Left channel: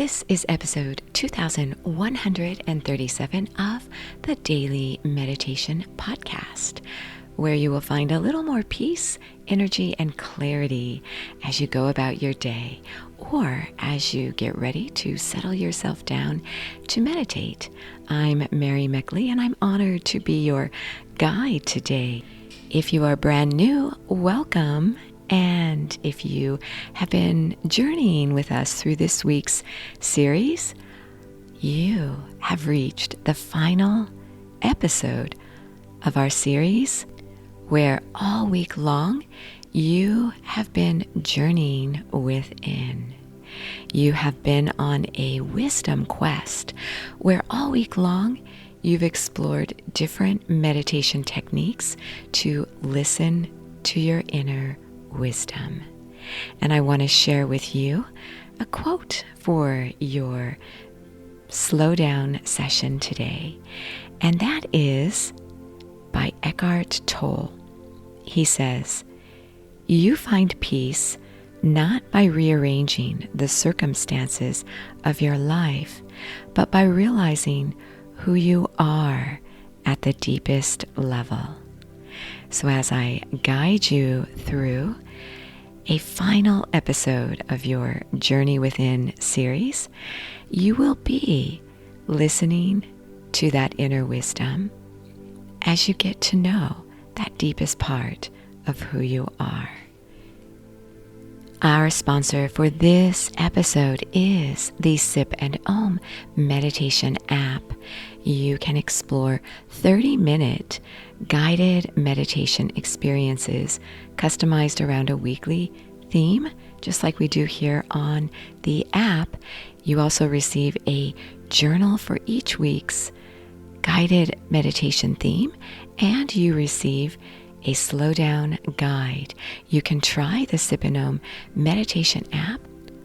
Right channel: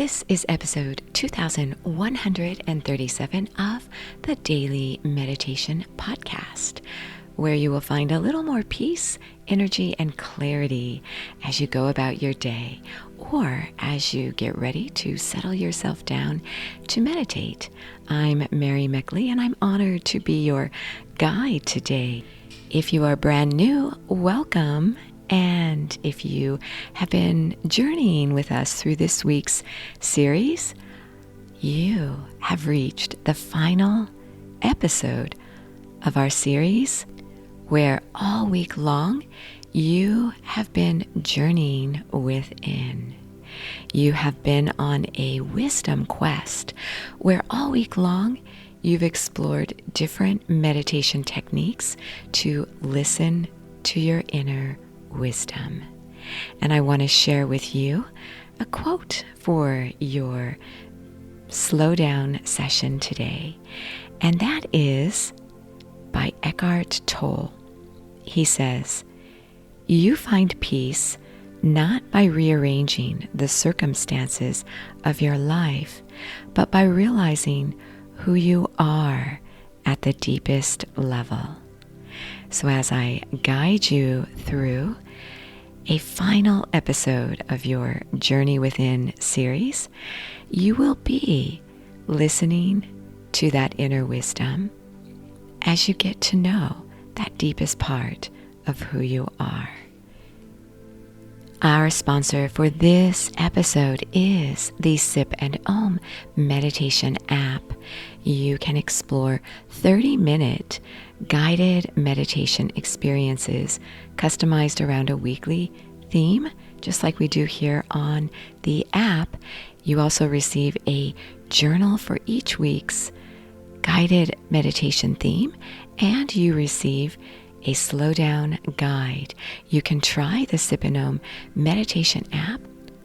This is episode 2137 of the Daily Meditation Podcast, where you will find a little more peace, energy, and clarity as you go about your day or as you get ready to settle yourself down to meditate. I'm Mary Meckley, and I'm honored to be your guide today. If you are brand new, welcome. And if you have been journeying with us through this week's series, you have reached the final episode of our series, where all week long you have been journeying within. You have been on a wisdom quest, where all week long you've explored different meditation techniques to listen to your inner wisdom. And I want to share with you a quote for your slow down session today. And that is by Eckhart Tolle. He says, "You find peace not by rearranging the circumstances of your life, but by realizing who you are at the deepest level." So as I guide you through a final episode of your Journey Within series, you will be listening to that inner wisdom as you get to know that deepest part of who you are. Our sponsor for this episode is the Sip and Om meditation app. You can explore 30-minute guided meditation experiences customized around a weekly theme, just like we do here on the app. You also receive a journal for each week's guided meditation theme, and you receive a slow down guide. You can try the Sip and Om meditation app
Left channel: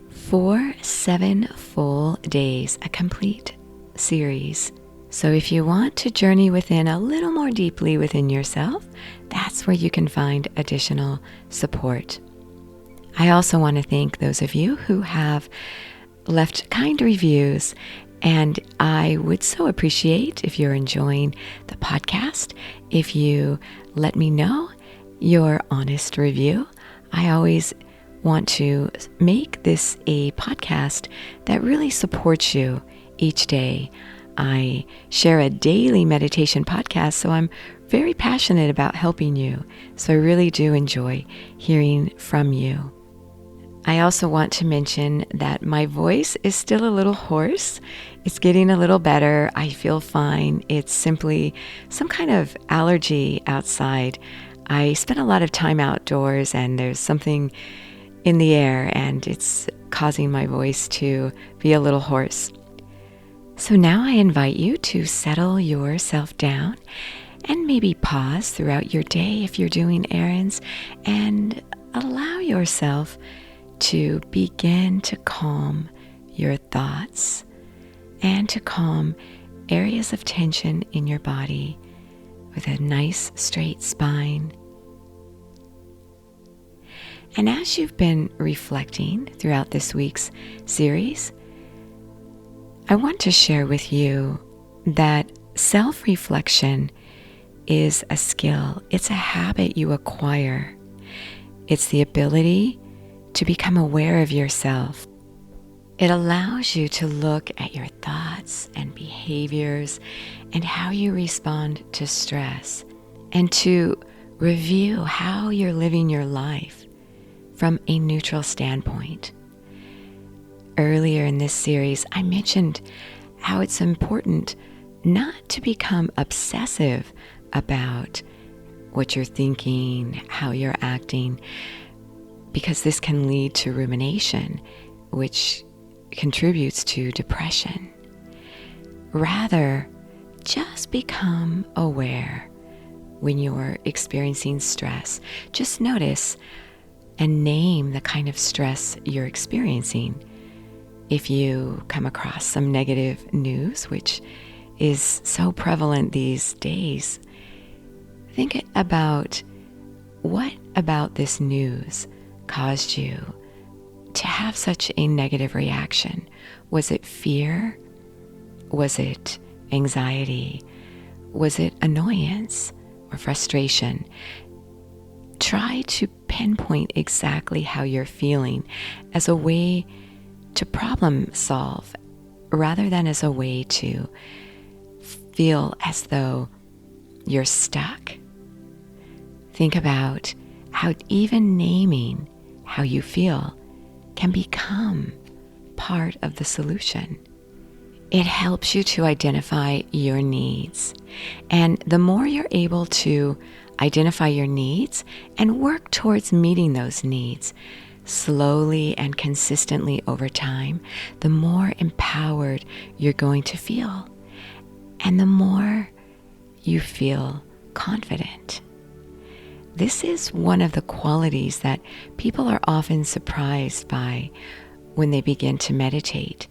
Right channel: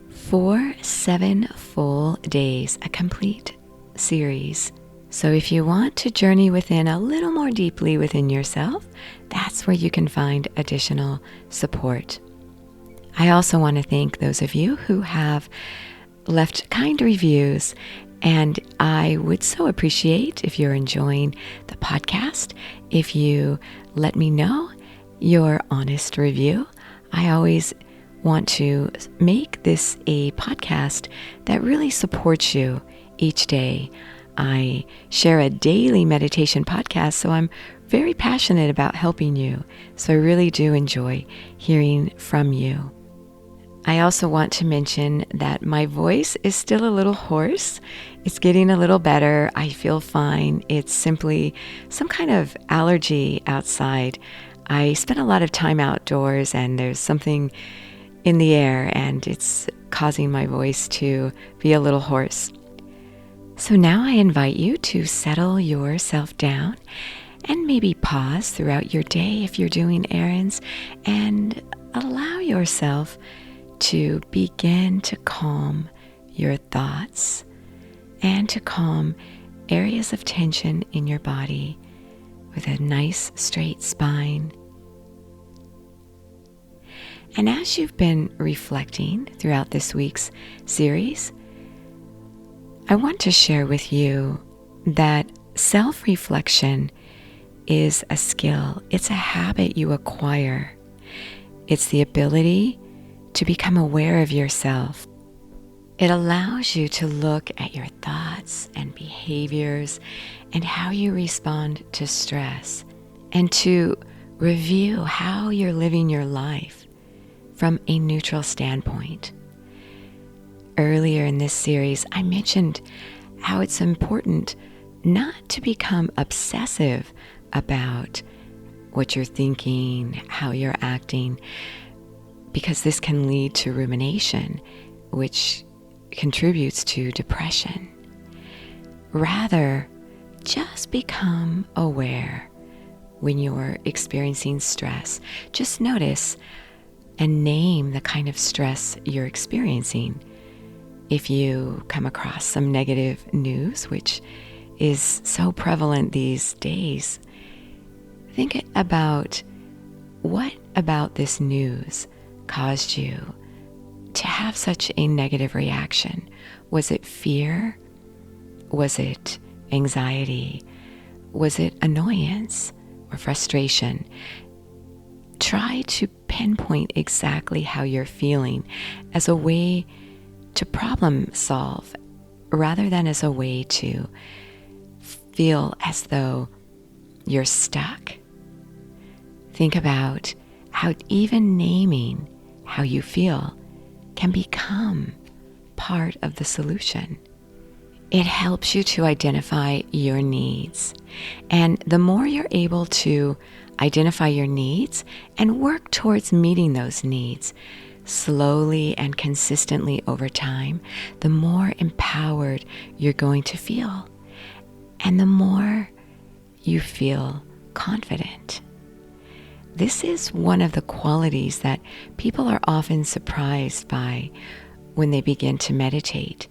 for 7 full days, a complete series. So if you want to journey within a little more deeply within yourself, that's where you can find additional support. I also want to thank those of you who have left kind reviews, and I would so appreciate if you're enjoying the podcast, if you let me know your honest review. I always want to make this a podcast that really supports you each day. I share a daily meditation podcast, so I'm very passionate about helping you. So I really do enjoy hearing from you. I also want to mention that my voice is still a little hoarse. It's getting a little better. I feel fine. It's simply some kind of allergy outside. I spend a lot of time outdoors, and there's something in the air, and it's causing my voice to be a little hoarse. So now I invite you to settle yourself down and maybe pause throughout your day if you're doing errands, and allow yourself to begin to calm your thoughts and to calm areas of tension in your body with a nice straight spine. And as you've been reflecting throughout this week's series, I want to share with you that self-reflection is a skill. It's a habit you acquire. It's the ability to become aware of yourself. It allows you to look at your thoughts and behaviors and how you respond to stress, and to review how you're living your life from a neutral standpoint. Earlier in this series, I mentioned how it's important not to become obsessive about what you're thinking, how you're acting, because this can lead to rumination, which contributes to depression. Rather, just become aware when you're experiencing stress. Just notice and name the kind of stress you're experiencing. If you come across some negative news, which is so prevalent these days, think about what about this news caused you to to have such a negative reaction? Was it fear? Was it anxiety? Was it annoyance or frustration? Try to pinpoint exactly how you're feeling as a way to problem solve rather than as a way to feel as though you're stuck. Think about how even naming how you feel can become part of the solution. It helps you to identify your needs. And the more you're able to identify your needs and work towards meeting those needs slowly and consistently over time, the more empowered you're going to feel. And the more you feel confident. This is one of the qualities that people are often surprised by when they begin to meditate.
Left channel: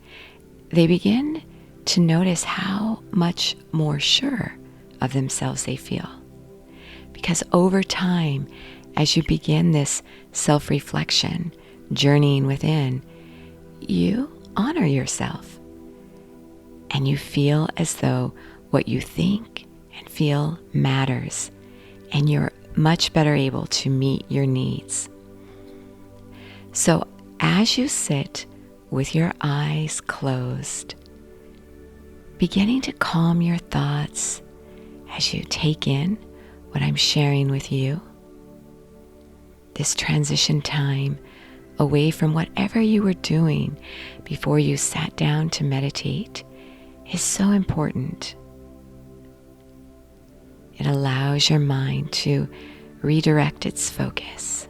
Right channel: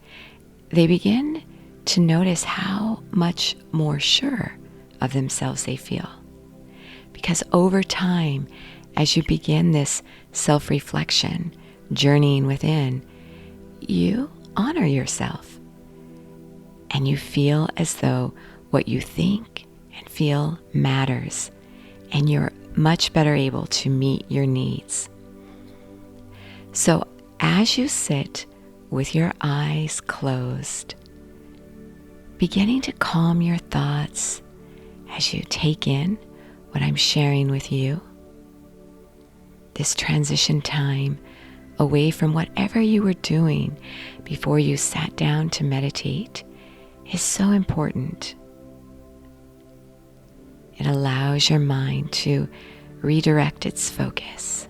They begin to notice how much more sure of themselves they feel. Because over time, as you begin this self-reflection, journeying within, you honor yourself. And you feel as though what you think and feel matters. And you're much better able to meet your needs. So as you sit with your eyes closed, beginning to calm your thoughts as you take in what I'm sharing with you, this transition time away from whatever you were doing before you sat down to meditate is so important. It allows your mind to redirect its focus.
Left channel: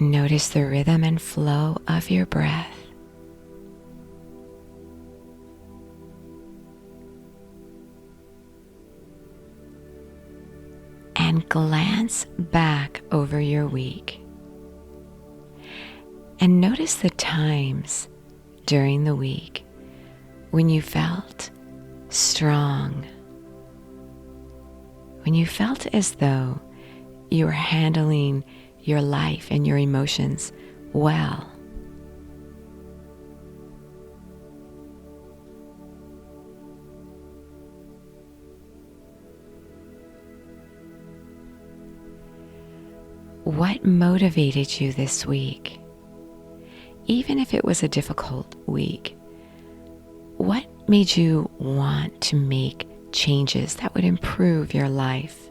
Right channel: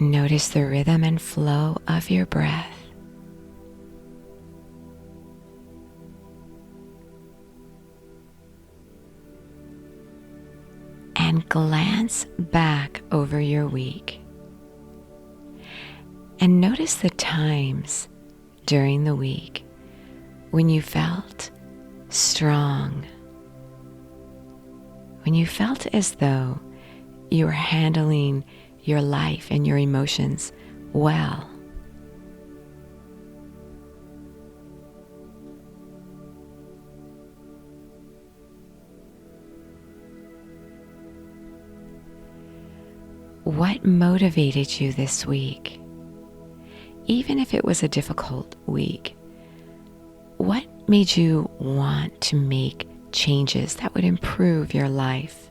Notice the rhythm and flow of your breath. And glance back over your week. And notice the times during the week when you felt strong, when you felt as though you were handling your life and your emotions well. What motivated you this week? Even if it was a difficult week, what made you want to make changes that would improve your life?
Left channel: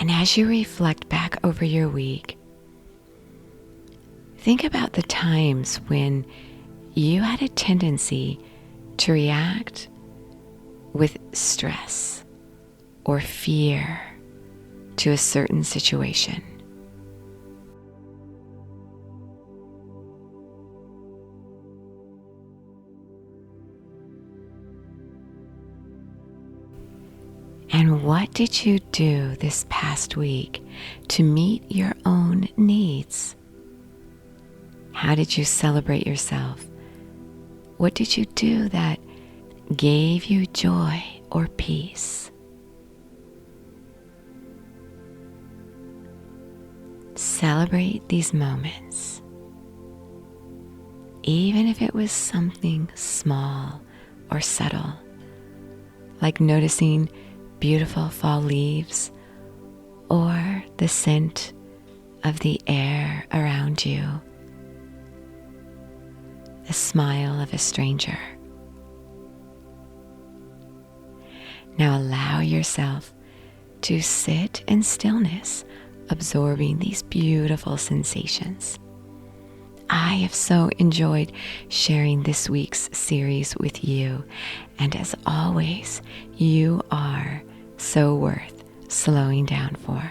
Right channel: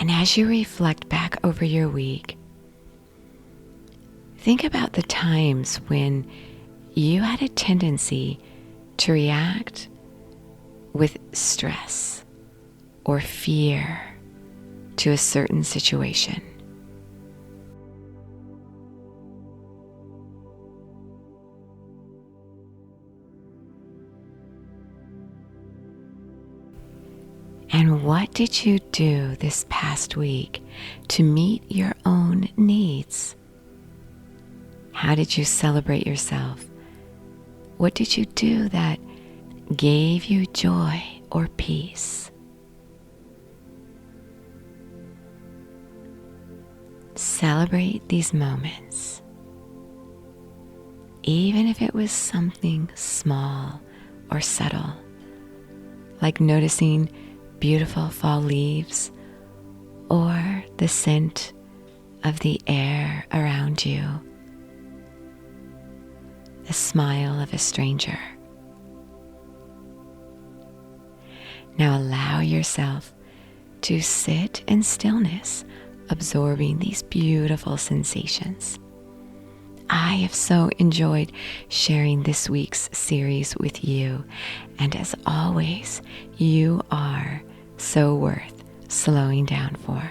And as you reflect back over your week, think about the times when you had a tendency to react with stress or fear to a certain situation. And what did you do this past week to meet your own needs? How did you celebrate yourself? What did you do that gave you joy or peace? Celebrate these moments, even if it was something small or subtle, like noticing beautiful fall leaves or the scent of the air around you, the smile of a stranger. Now allow yourself to sit in stillness, absorbing these beautiful sensations. I have so enjoyed sharing this week's series with you, and as always, you are so worth slowing down for.